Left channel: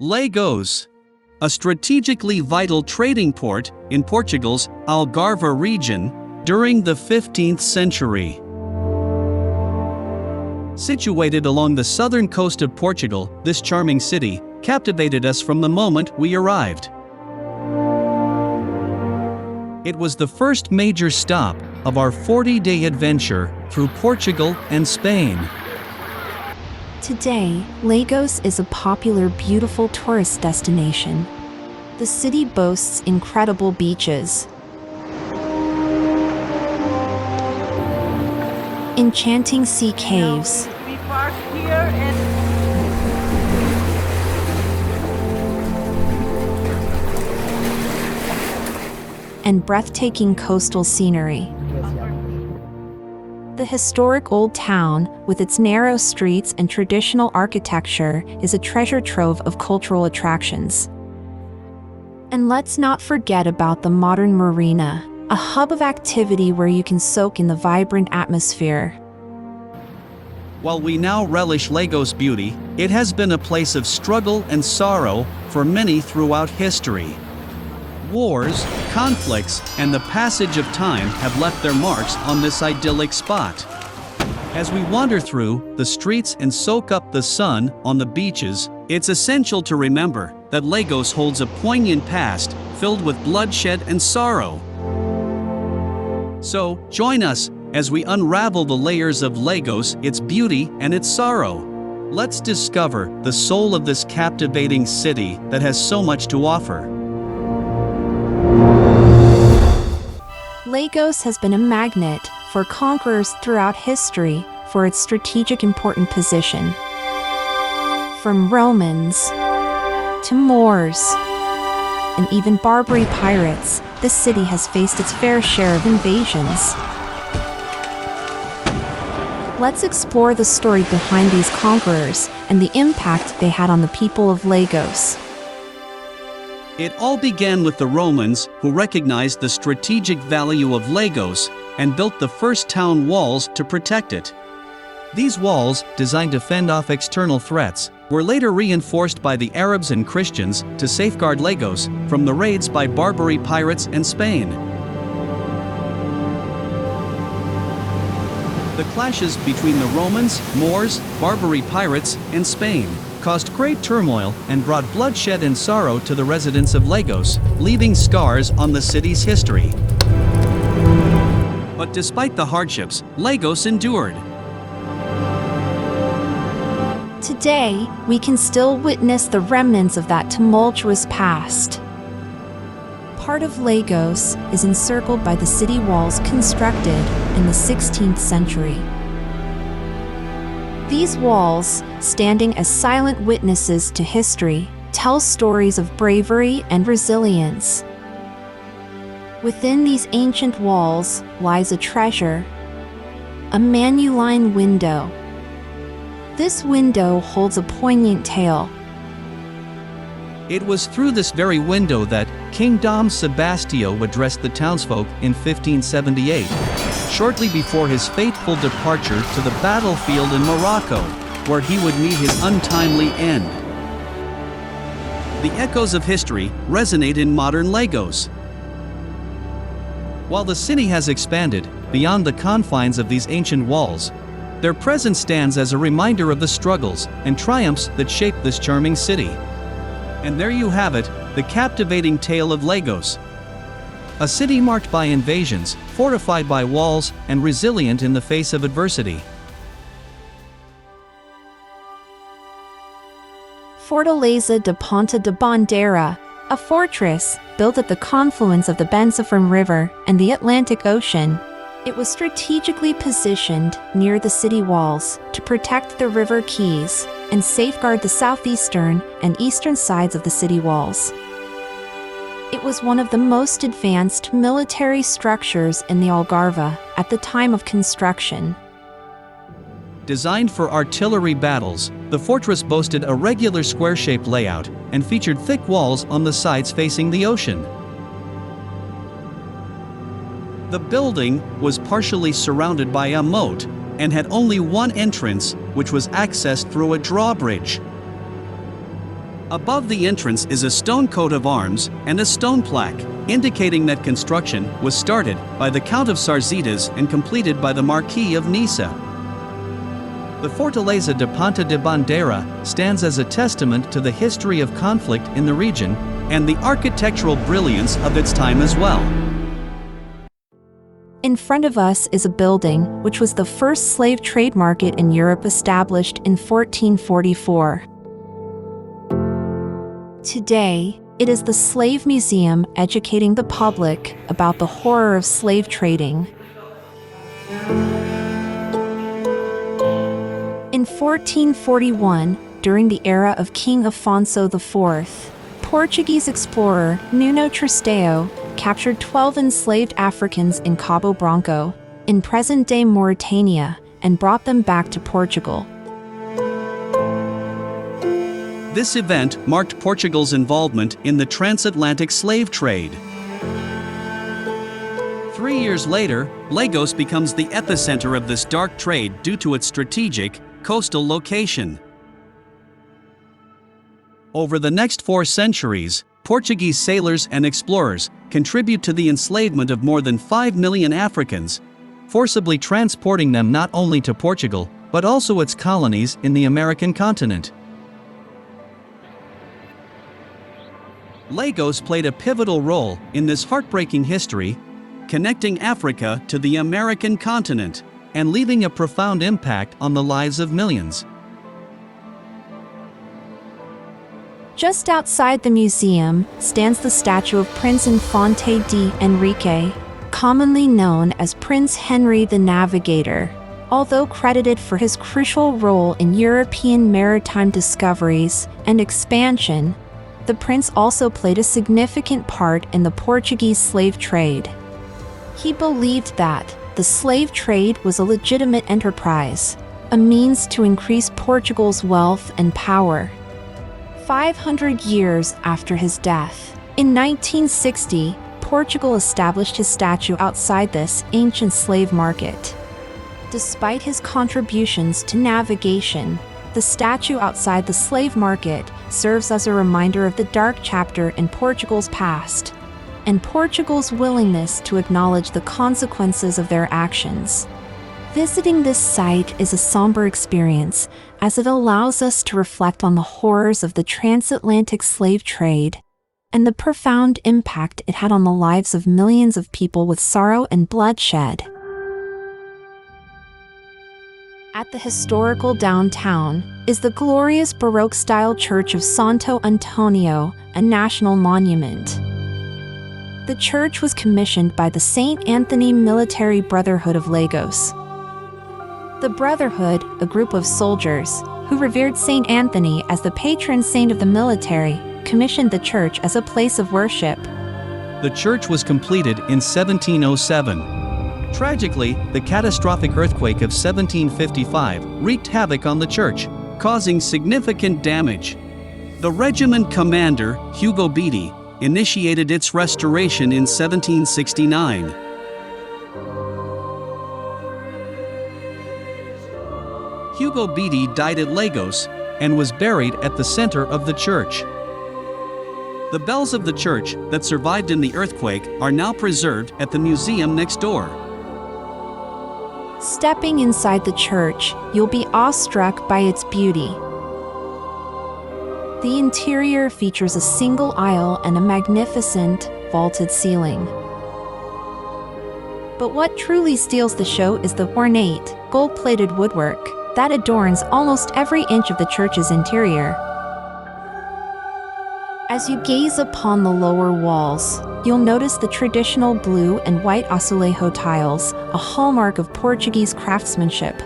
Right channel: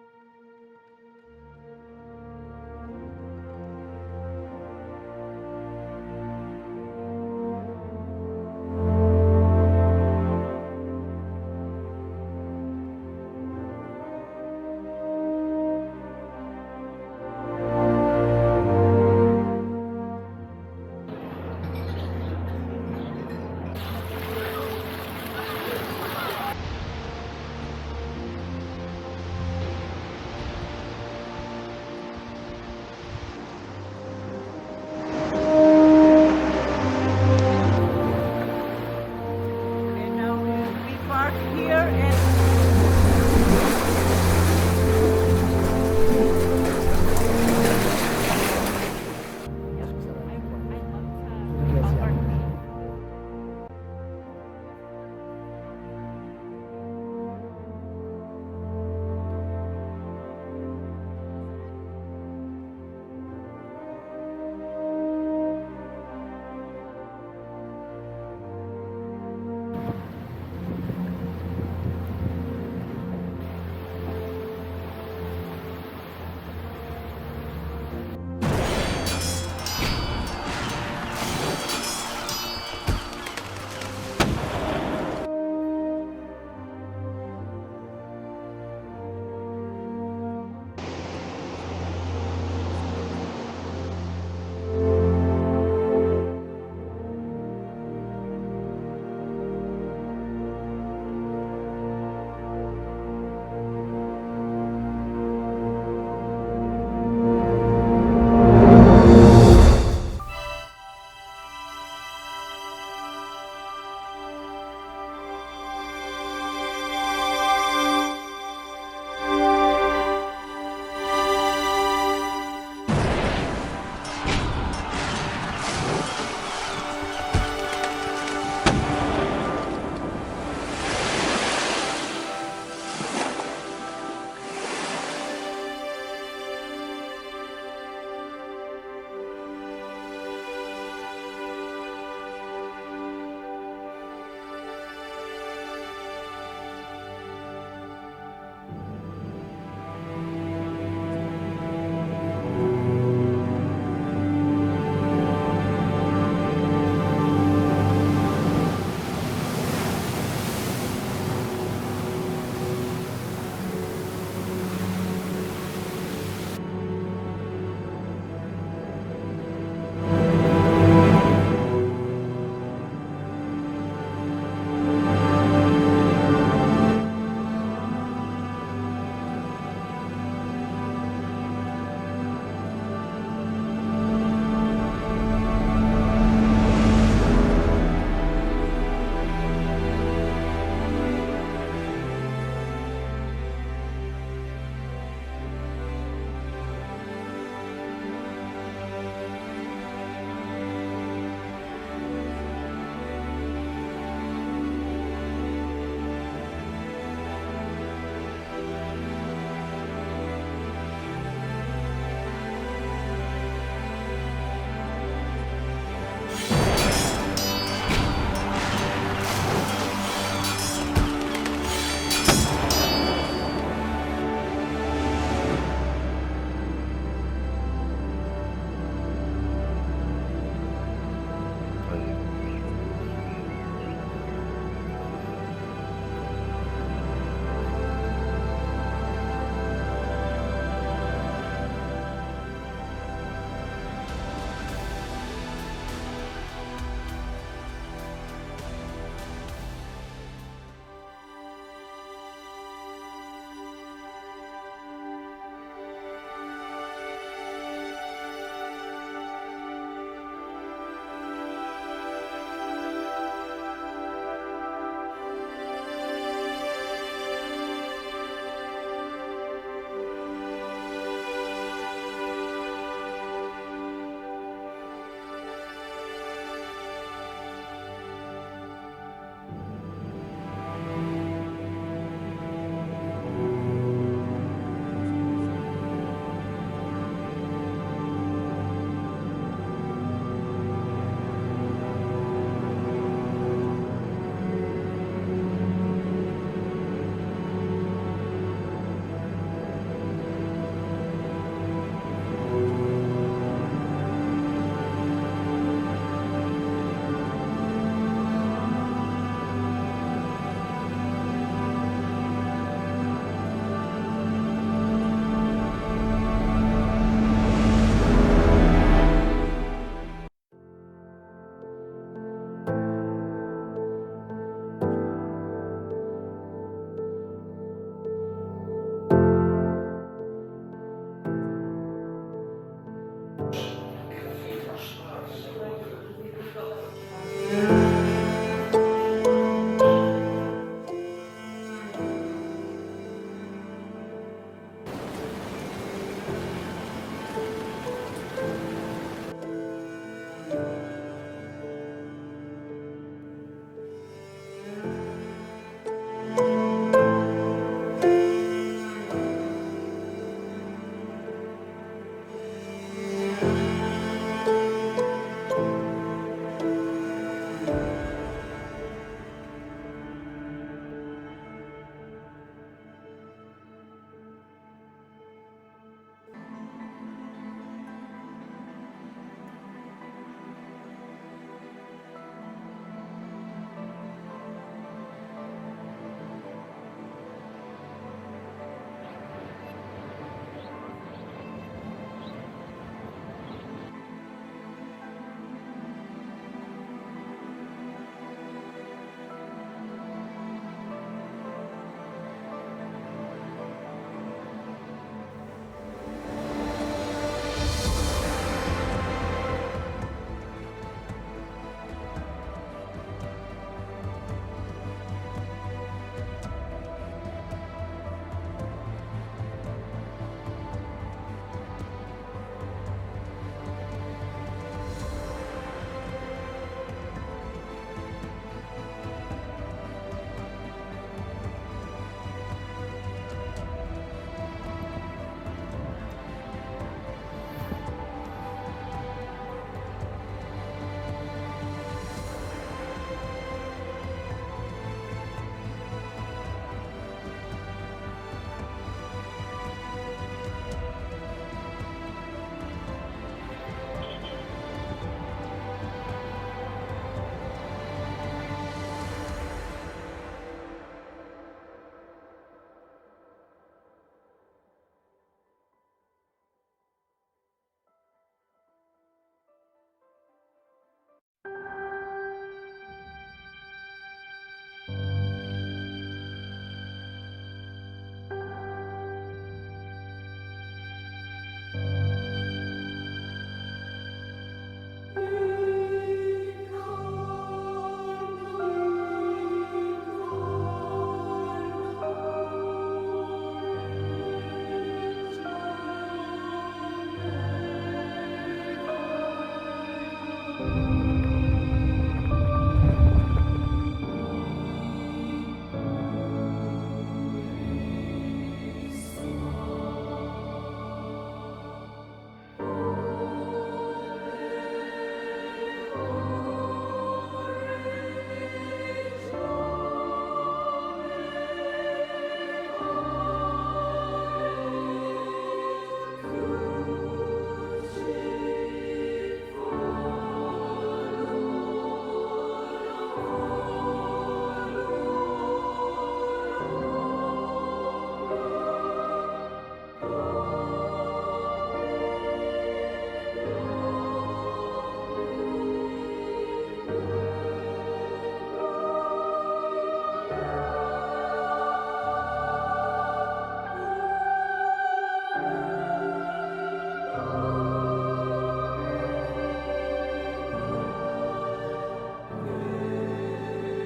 Lagos, a strategically vital trading port in Portugal's Algarve region during the 15th century. Situated along the southern coast of Portugal, this charming city captivated us from the moment we arrived. It was the first major stop of our 40-day adventure through Portugal and Spain. Today, Lagos is a popular, beautiful tourist destination. The city boasts incredible beaches, enchanting sea caves, We park here and breathtaking coastal scenery. The historic old town, with its narrow streets and traditional architecture, is a treasure trove of cultural attractions. And let's not forget about the modern marina, a hub of activity where you can soak in the vibrant atmosphere. While we now relish Lagos' beauty, it has been a place of struggle and sorrow for many throughout history. Wars, conflicts, and the passage of time have left their marks on this idyllic spot. As we wander through the streets and soak up the sun on the beaches, it's essential to remember that Lagos holds a poignant past filled with bloodshed and sorrow. So, join us as we unravel the layers of Lagos, its beauty and its sorrow. Let's discover the soul of this captivating city that has so much to offer. Lagos has been a magnet for conquerors throughout history for its strategic important position. From Romans to Moors and even Barbary pirates, this city has faced its fair share of invasions. Let's explore the story behind these conquerors and the impact they had on the people of Lagos. It all began with the Romans, who recognized the strategic value of Lagos and built the first town walls to protect it. These walls, designed to fend off external threats, were later reinforced by the Arabs and Christians to safeguard Lagos from the raids by Barbary pirates and Spain. The clashes between the Romans, Moors, Barbary pirates, and Spain caused great turmoil and brought bloodshed and sorrow to the residents of Lagos, leaving scars on the city's history. But despite the hardships, Lagos endured. Today, we can still witness the remnants of that tumultuous past. Part of Lagos is encircled by the city walls constructed in the 16th century. These walls, standing as silent witnesses to history, tell stories of bravery and resilience. Within these ancient walls lies a treasure, a manuline window. This window holds a poignant tale. It was through this very window that King Dom Sebastio addressed the townsfolk in 1578, shortly before his fateful departure to the battlefield in Morocco, where he would meet his untimely end. The echoes of history resonate in modern Lagos. While the city has expanded beyond the confines of these ancient walls, their presence stands as a reminder of the struggles and triumphs that shaped this charming city. And there you have it, the captivating tale of Lagos. A city marked by invasions, fortified by walls, and resilient in the face of adversity. Fortaleza de Ponta de Bandeira, a fortress built at the confluence of the Bensafram River and the Atlantic Ocean. It was strategically positioned near the city walls to protect the river quays and safeguard the southeastern and eastern sides of the city walls. It was one of the most advanced military structures in the Algarve at the time of construction. Designed for artillery battles, the fortress boasted a regular square-shaped layout and featured thick walls on the sides facing the ocean. The building was partially surrounded by a moat and had only one entrance, which was accessed through a drawbridge. Above the entrance is a stone coat of arms and a stone plaque, indicating that construction was started by the Count of Sarzetas and completed by the Marquis of Niça. The Fortaleza de Ponta de Bandeira stands as a testament to the history of conflict in the region and the architectural brilliance of its time as well. In front of us is a building which was the first slave trade market in Europe, established in 1444. Today, it is the Slave Museum, educating the public about the horror of slave trading. In 1441, during the era of King Afonso IV, Portuguese explorer Nuno Tristão captured 12 enslaved Africans in Cabo Branco, in present-day Mauritania, and brought them back to Portugal. This event marked Portugal's involvement in the transatlantic slave trade. 3 years later, Lagos becomes the epicenter of this dark trade due to its strategic, coastal location. Over the next 4 centuries, Portuguese sailors and explorers contribute to the enslavement of more than 5 million Africans, forcibly transporting them not only to Portugal, but also its colonies in the American continent. Lagos played a pivotal role in this heartbreaking history, connecting Africa to the American continent and leaving a profound impact on the lives of millions. Just outside the museum stands the statue of Prince Infante de Enrique, commonly known as Prince Henry the Navigator. Although credited for his crucial role in European maritime discoveries and expansion, the prince also played a significant part in the Portuguese slave trade. He believed that the slave trade was a legitimate enterprise, a means to increase Portugal's wealth and power. 500 years after his death, in 1960, Portugal established his statue outside this ancient slave market. Despite his contributions to navigation, the statue outside the slave market serves as a reminder of the dark chapter in Portugal's past, and Portugal's willingness to acknowledge the consequences of their actions. Visiting this site is a somber experience, as it allows us to reflect on the horrors of the transatlantic slave trade and the profound impact it had on the lives of millions of people with sorrow and bloodshed. At the historical downtown is the glorious Baroque-style church of Santo Antonio, a national monument. The church was commissioned by the St. Anthony Military Brotherhood of Lagos. The Brotherhood, a group of soldiers who revered St. Anthony as the patron saint of the military, commissioned the church as a place of worship. The church was completed in 1707. Tragically, the catastrophic earthquake of 1755 wreaked havoc on the church, causing significant damage. The regiment commander, Hugo Beatty, initiated its restoration in 1769. Hugo Beatty died at Lagos and was buried at the center of the church. The bells of the church that survived in the earthquake are now preserved at the museum next door. Stepping inside the church, you'll be awestruck by its beauty. The interior features a single aisle and a magnificent, vaulted ceiling. But what truly steals the show is the ornate, gold-plated woodwork that adorns almost every inch of the church's interior. As you gaze upon the lower walls, you'll notice the traditional blue and white azulejo tiles, a hallmark of Portuguese craftsmanship.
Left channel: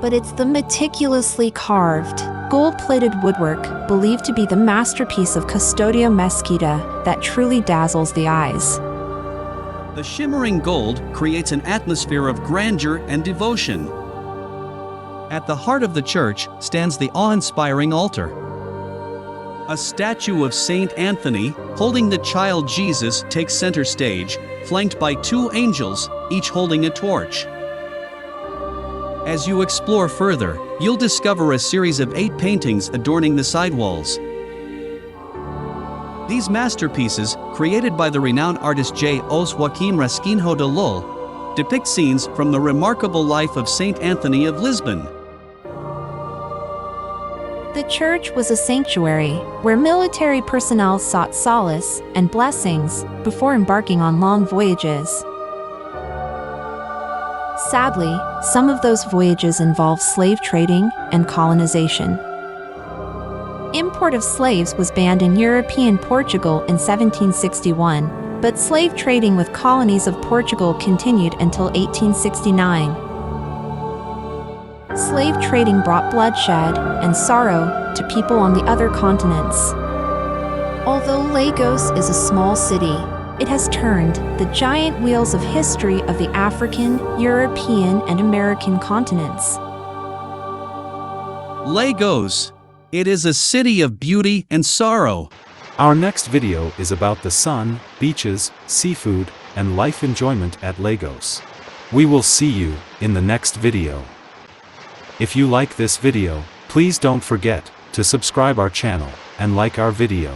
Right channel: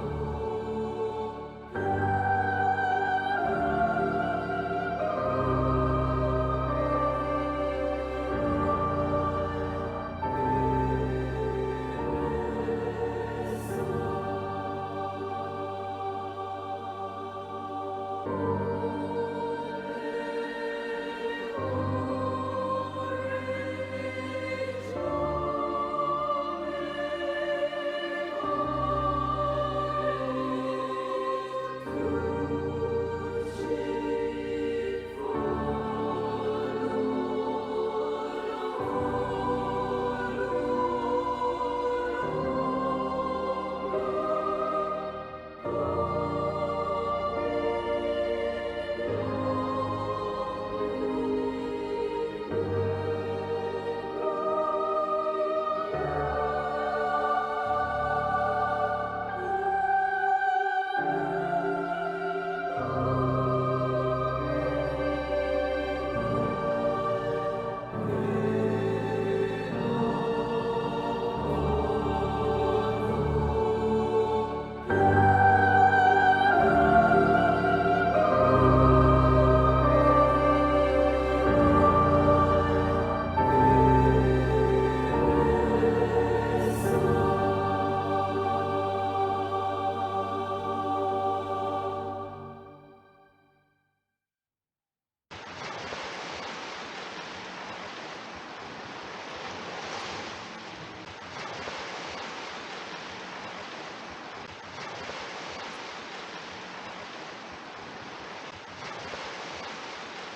But it's the meticulously carved, gold-plated woodwork, believed to be the masterpiece of Custodio Mesquita, that truly dazzles the eyes. The shimmering gold creates an atmosphere of grandeur and devotion. At the heart of the church stands the awe-inspiring altar. A statue of Saint Anthony, holding the child Jesus, takes center stage, flanked by 2 angels, each holding a torch. As you explore further, you'll discover a series of 8 paintings adorning the sidewalls. These masterpieces, created by the renowned artist J. Os Joaquim Rasquinho de Lul, depict scenes from the remarkable life of Saint Anthony of Lisbon. The church was a sanctuary where military personnel sought solace and blessings before embarking on long voyages. Sadly, some of those voyages involved slave trading and colonization. Import of slaves was banned in European Portugal in 1761, but slave trading with colonies of Portugal continued until 1869. Slave trading brought bloodshed and sorrow to people on the other continents. Although Lagos is a small city, it has turned the giant wheels of history of the African, European, and American continents. Lagos. It is a city of beauty and sorrow. Our next video is about the sun, beaches, seafood, and life enjoyment at Lagos. We will see you in the next video. If you like this video, please don't forget to subscribe our channel and like our video.